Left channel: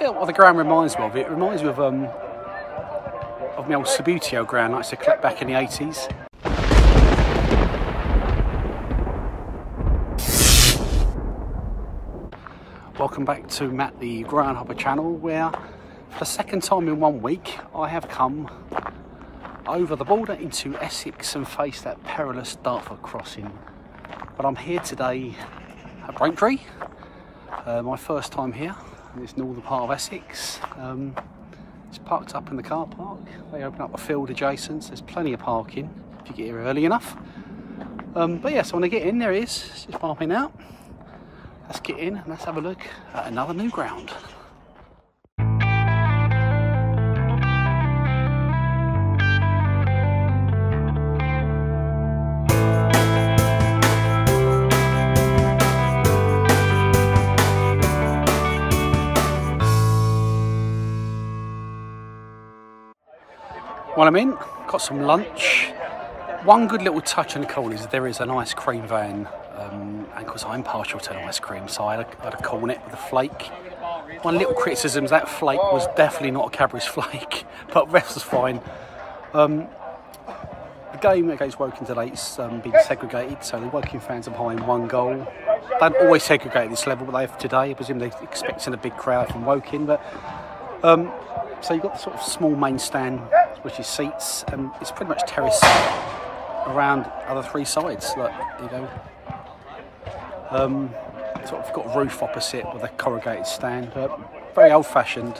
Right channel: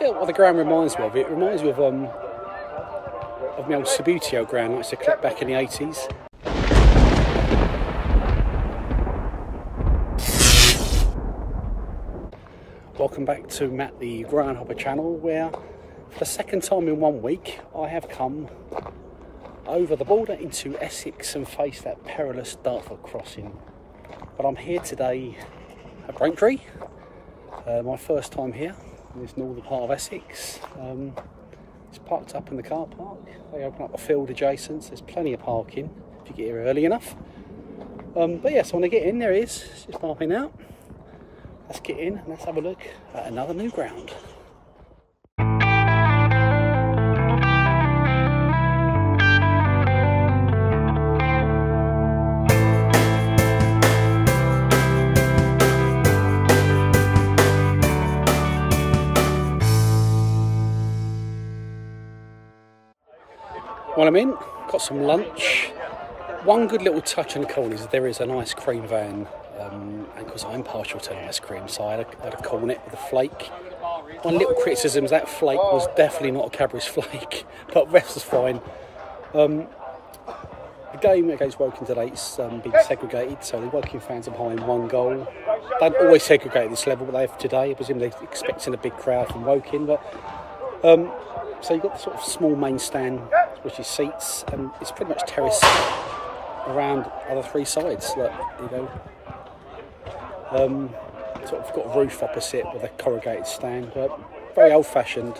tell you what the ground reminds me of. It reminds me of my old Subbuteo ground I used to collect back in the 80s. Welcome back to Matt the Groundhopper channel, where for the second time in 1 week I have come over the border into Essex and faced that perilous Dartford crossing. But I'm here today at Braintree, my first time here in this northern part of Essex. It's parked up in the car park. They open up a field adjacent, so there's plenty of parking if you get here early enough. But yeah, so when I get in, there it is, it's just parking out. Let's get in and let's have a look at another new ground. Well, I'm in, got some lunch. One good little touch on the call is there is an ice cream van, and because I'm partial to ice cream, so I had a cornet with a flake. One little criticism is that flake was definitely not a Cadbury's flake, but the rest was fine. The game against Woking today is being segregated, so the Woking fans are behind 1 goal. They don't always segregate at this level, but they have today. I presume they're expecting a big crowd from Woking, but so you've got the sort of small main stand, which is seats, and it's pretty much terrace around other 3 sides. Like, you go, sort of got a roof opposite with a corrugated stand, but very old-fashioned.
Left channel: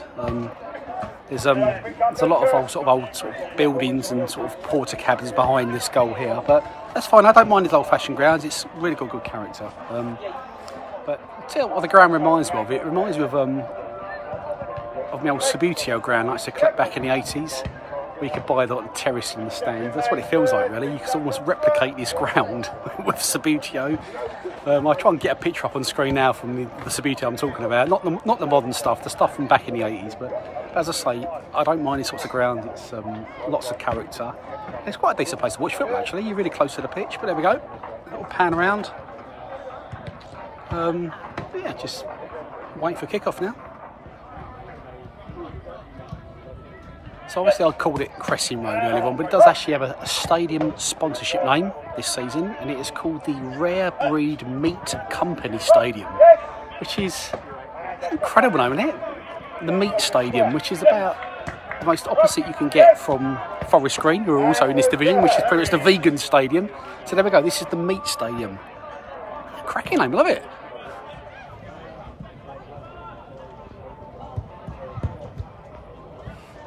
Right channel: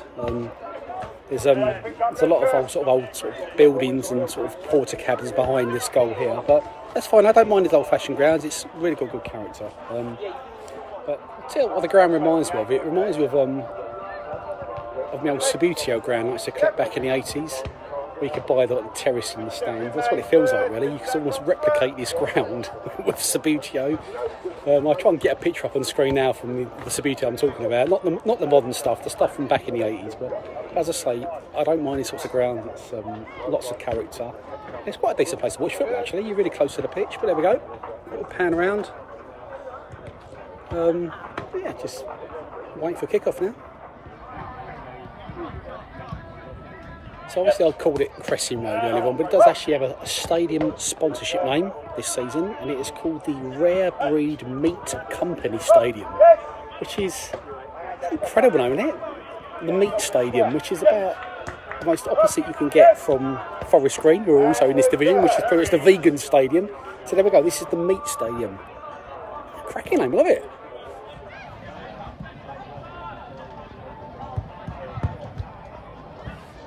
There's a lot of old buildings and sort of porter cabins behind this goal here, but that's fine. I don't mind these old-fashioned grounds. It's really got good character. But I'll tell you what the ground reminds me of. It reminds me of my old Subbuteo ground I used to collect back in the 80s. Where you could buy the terrace in the stand. That's what it feels like, really. You can almost replicate this ground with Subbuteo. I'll try and get a picture up on screen now from the Subbuteo I'm talking about. Not the modern stuff, the stuff from back in the 80s. But as I say, I don't mind these sorts of ground. It's lots of character. It's quite a decent place to watch football, actually. You're really close to the pitch, but there we go. A little pan around. Yeah, just waiting for kick-off now. So obviously I called it Cressing Road earlier on, but it does actually have a stadium sponsorship name this season, and it is called the Rare Breed Meat Company Stadium, which is an incredible name, isn't it? The Meat Stadium, which is about the most opposite you can get from Forest Green, who are also in this division, which is pretty much the vegan stadium. So there we go, this is the Meat Stadium. Cracking name, love it.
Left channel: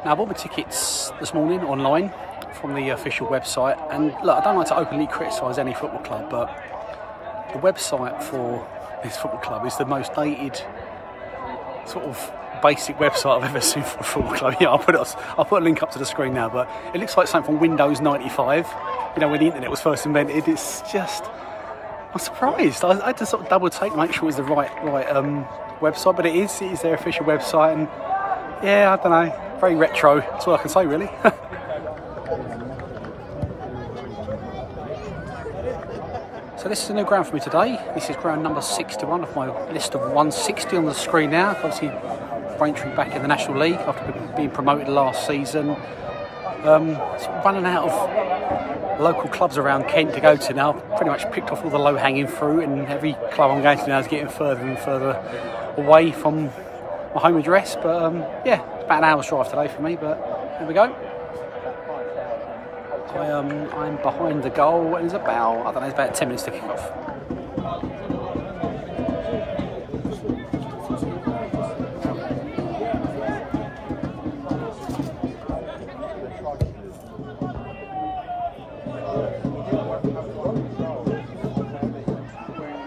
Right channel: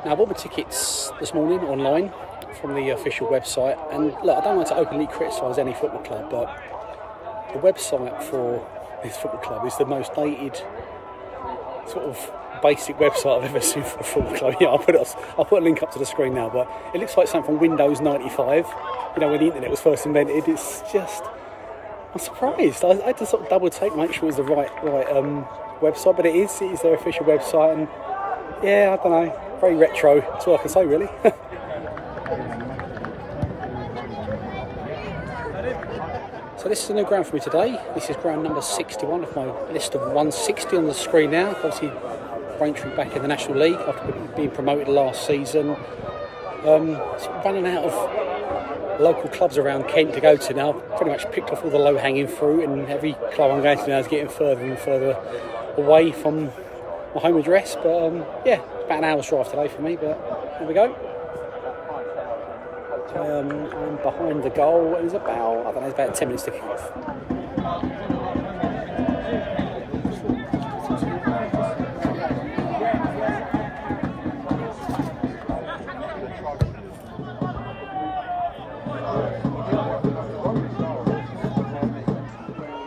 Now, I bought my tickets this morning online from the official website, and look, I don't like to openly criticise any football club, but the website for this football club is the most dated, sort of basic website I've ever seen for a football club. Yeah, I'll put a link up to the screen now, but it looks like something from Windows 95, you know, when the internet was first invented. It's just, I'm surprised. I had to sort of double take to make sure it's the right website, but it is their official website, and yeah, I don't know, very retro, that's all I can say, really. So this is a new ground for me today. This is ground number 61 of my list of 160 on the screen now. Obviously, Braintree back in the National League after being promoted last season. Sort of running out of local clubs around Kent to go to now. I've pretty much picked off all the low-hanging fruit, and every club I'm going to now is getting further and further away from my home address. But yeah, it's about an hour's drive today for me, but there we go. I'm behind the goal, and it's about, I don't know, it's about 10 minutes to kick off.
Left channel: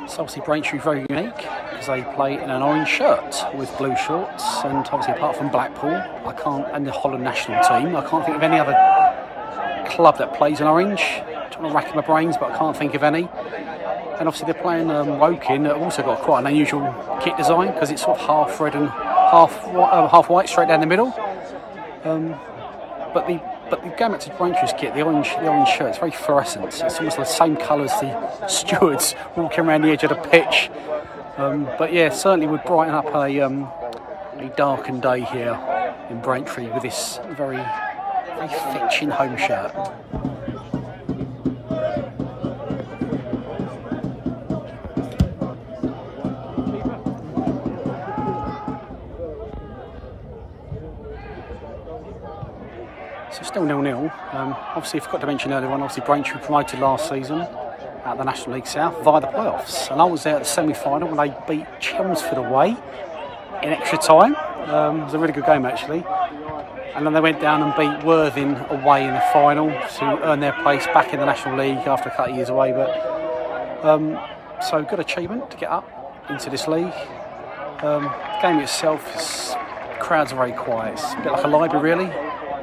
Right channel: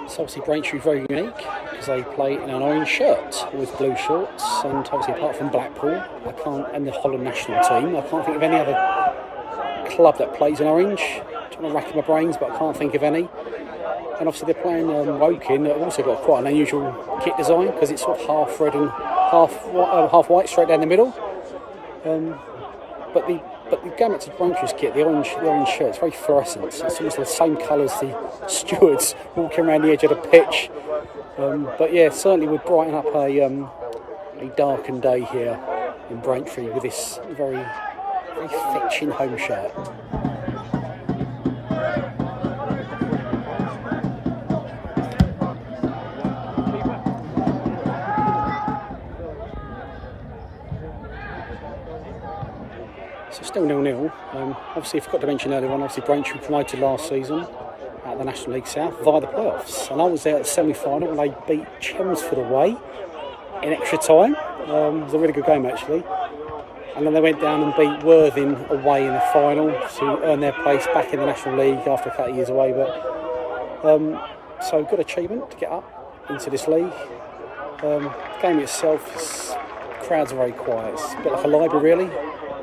So obviously Braintree very unique because they play in an orange shirt with blue shorts, and obviously apart from Blackpool, and the Holland national team, I can't think of any other club that plays in orange. I'm trying to rack my brains, but I can't think of any. And obviously they're playing Woking. They've also got quite an unusual kit design because it's sort of half red and half white straight down the middle. But going back to Braintree's kit, the orange shirt, it's very fluorescent. It's almost the same colour as the stewards walking around the edge of the pitch. But yeah, certainly would brighten up a a darkened day here in Braintree with this very fetching home shirt. So still 0-0. Obviously, I forgot to mention earlier on, obviously Braintree promoted last season at the National League South via the playoffs. And I was there at the semi-final when they beat Chelmsford away in extra time. It was a really good game actually. And then they went down and beat Worthing away in the final to earn their place back in the National League after a couple of years away. But so good achievement to get up into this league. The game itself, crowds are very quiet. It's a bit like a library really.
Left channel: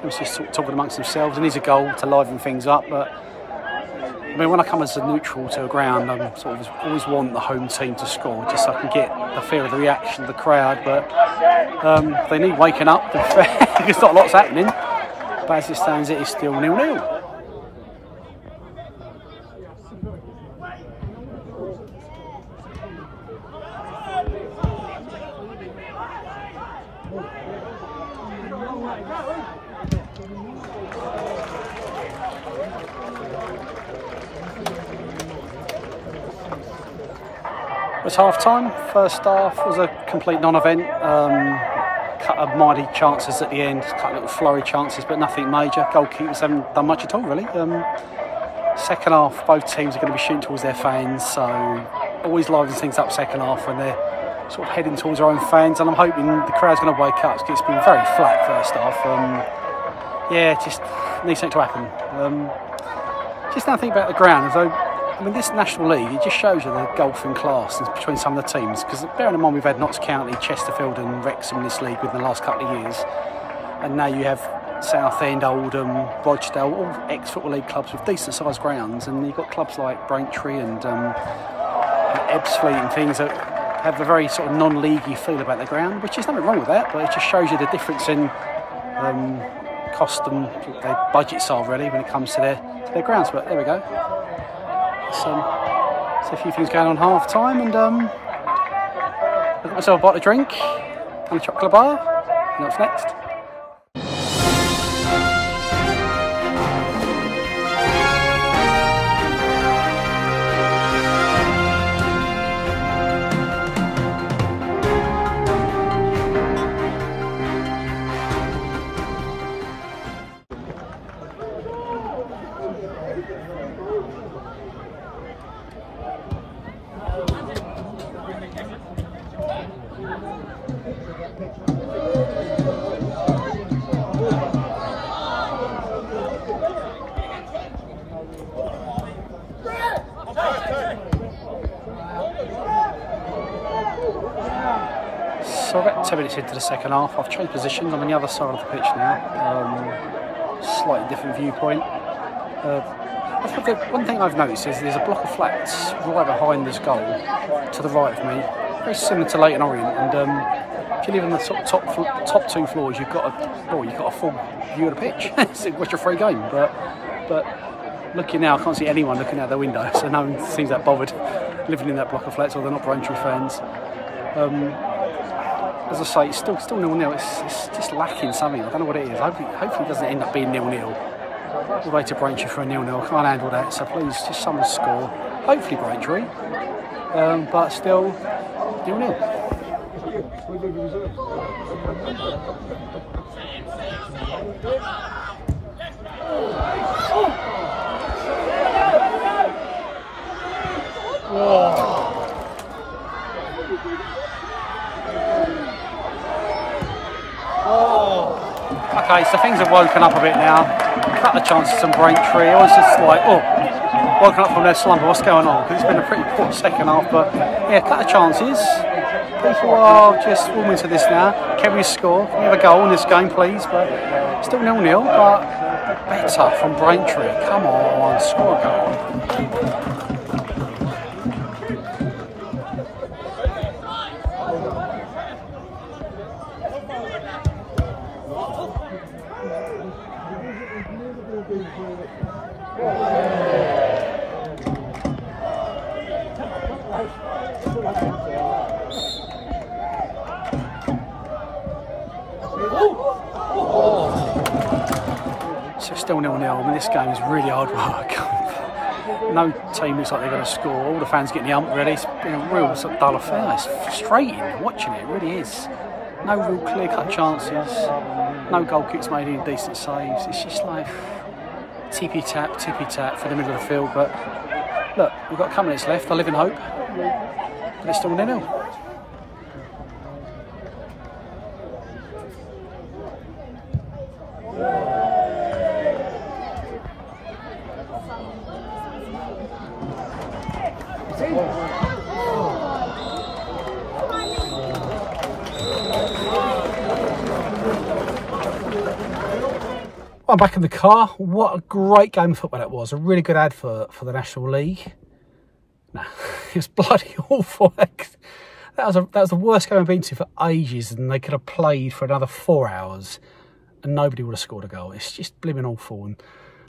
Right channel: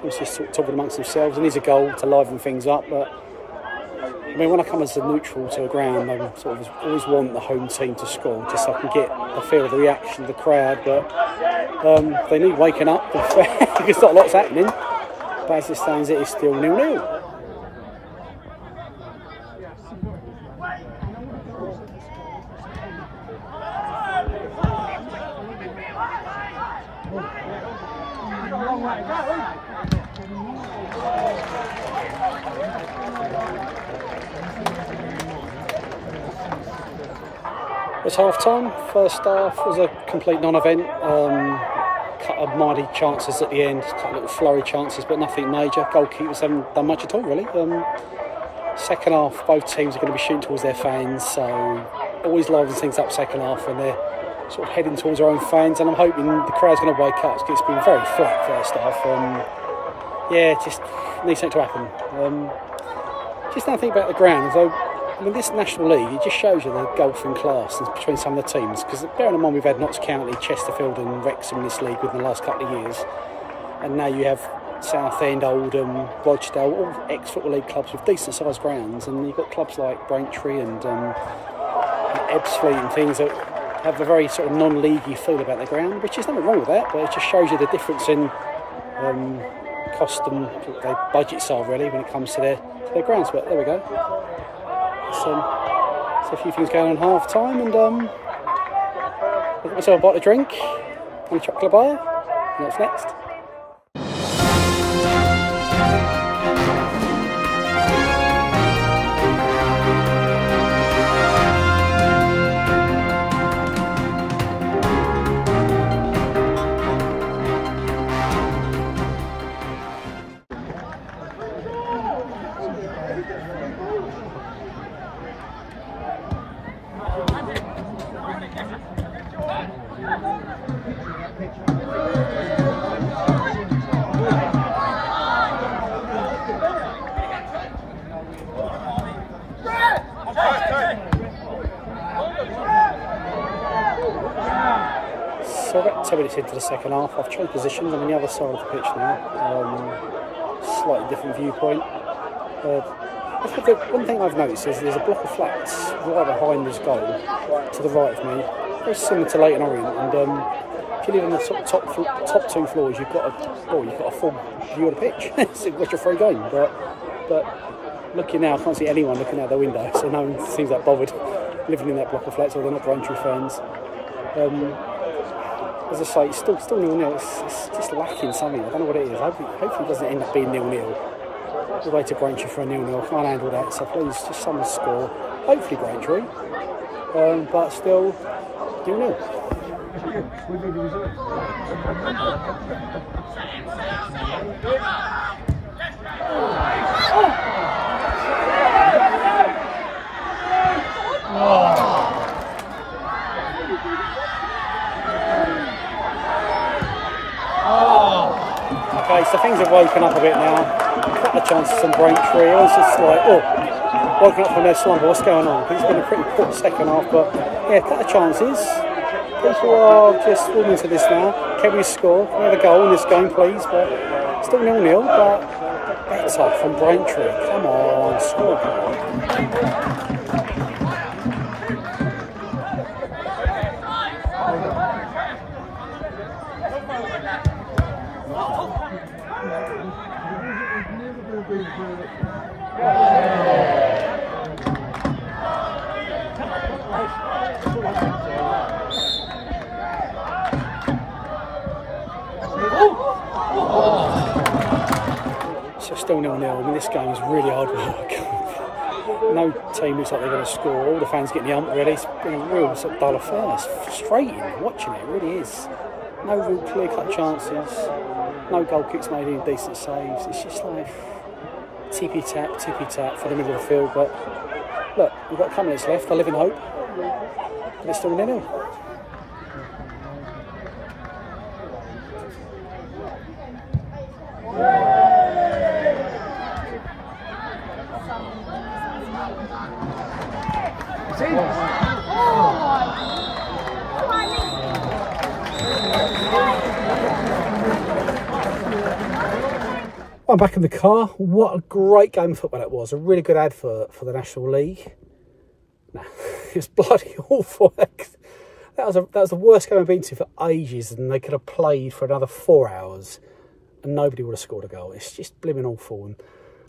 It's just sort of talking amongst themselves, and it's a goal to liven things up. But I mean, when I come as a neutral to a ground, I sort of always want the home team to score, just so I can get the feel of the reaction of the crowd. But they need waking up because not a lot's happening. But as it stands, it is still 0-0. It's half time. First half was a complete non-event. Couple of mighty chances at the end, couple of little flurry chances, but nothing major. Goalkeepers haven't done much at all really. Second half, both teams are going to be shooting towards their fans, so always livens things up second half when they're sort of heading towards their own fans, and I'm hoping the crowd's going to wake up. It's been very flat first half. Yeah, just needs something to happen. Just now think about the ground, as though, I mean, this National League, it just shows you the golfing class between some of the teams, because bearing in mind we've had Notts County, Chesterfield and Wrexham in this league within the last couple of years, and now you have Southend, Oldham, Rochdale, all ex-Football League clubs with decent sized grounds, and you've got clubs like Braintree and Ebbsfleet and things that have a very sort of non-leaguey feel about the ground, which is nothing wrong with that, but it just shows you the difference in cost and their budgets are really when it comes to their grounds. But there we go. So a few things going on half time, and I got myself a bottle of drink and a chocolate bar. And what's next? So about 10 minutes into the second half, I've changed positions. I'm on the other side of the pitch now, slightly different viewpoint. One thing I've noticed is there's a block of flats right behind this goal to the right of me, very similar to Leighton Orient, and if you live on the sort of top two floors, you've got a full view of the pitch. It's a free game, but looking now, I can't see anyone looking out the window, so no one seems that bothered living in that block of flats, or they're not Braintree fans. As I say, it's still 0-0. It's just lacking something. I don't know what it is. Hopefully it doesn't end up being 0-0. All the way to Braintree for a 0-0. I can't handle that. So please, just someone score. Hopefully Braintree, but still 0-0. Okay, so things have woken up a bit now. A couple of chances from Braintree. I was just like, woken up from their slumber. What's going on? Because it's been a pretty poor second half, but yeah, a couple of chances. People are just warming to this now. Can we score? Can we have a goal in this game, please? But still 0-0, but better from Braintree. Come on, score a goal. still 0-0. I mean, this game is really hard work. No team looks like they're going to score. All the fans getting the ump ready. It's been a real sort of dull affair. It's frustrating watching it. It really is. No real clear-cut chances. No goal kicks made, any decent saves. It's just like tippy-tap for the middle of the field. But look, we've got a couple minutes left. I live in hope. But it's still 0-0. I'm back in the car. What a great game of football that was. A really good advert for the National League. Nah, it was bloody awful. That was the worst game I've been to for ages, and they could have played for another 4 hours and nobody would have scored a goal. It's just blimmin' awful. And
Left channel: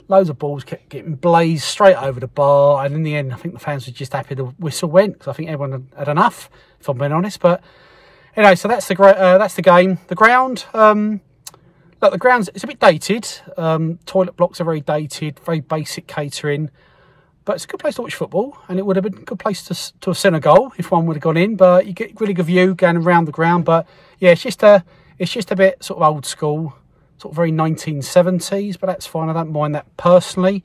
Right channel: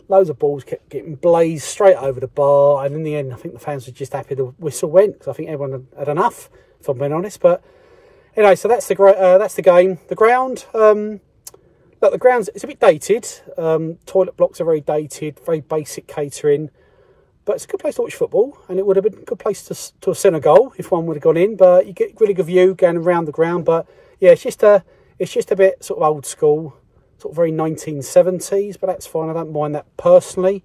loads of balls kept getting blazed straight over the bar, and in the end I think the fans were just happy the whistle went, because I think everyone had enough, if I'm being honest. But anyway, so that's the game. The ground, look, the ground's, it's a bit dated. Toilet blocks are very dated, very basic catering, but it's a good place to watch football, and it would have been a good place to a Senegal if one would have gone in. But you get really good view going around the ground. But yeah, it's just a bit sort of old school, sort of very 1970s, but that's fine. I don't mind that personally.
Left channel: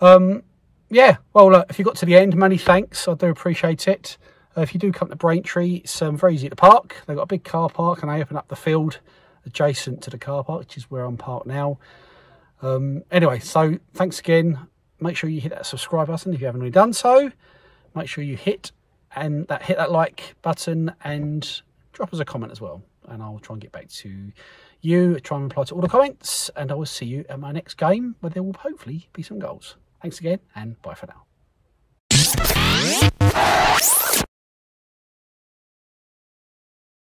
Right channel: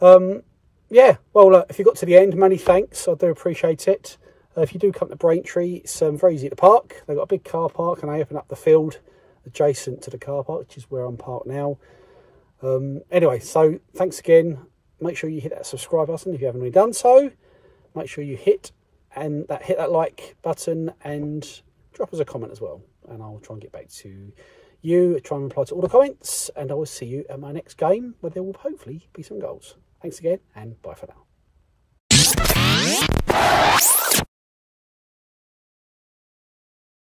Yeah, well, if you got to the end, many thanks. I do appreciate it. If you do come to Braintree, it's very easy to park. They've got a big car park, and they open up the field adjacent to the car park, which is where I'm parked now. Anyway, so thanks again. Make sure you hit that subscribe button if you haven't already done so. Make sure you hit that like button and drop us a comment as well, and I'll try and get back to you, try and reply to all the comments, and I will see you at my next game where there will hopefully be some goals. Thanks again, and bye for now.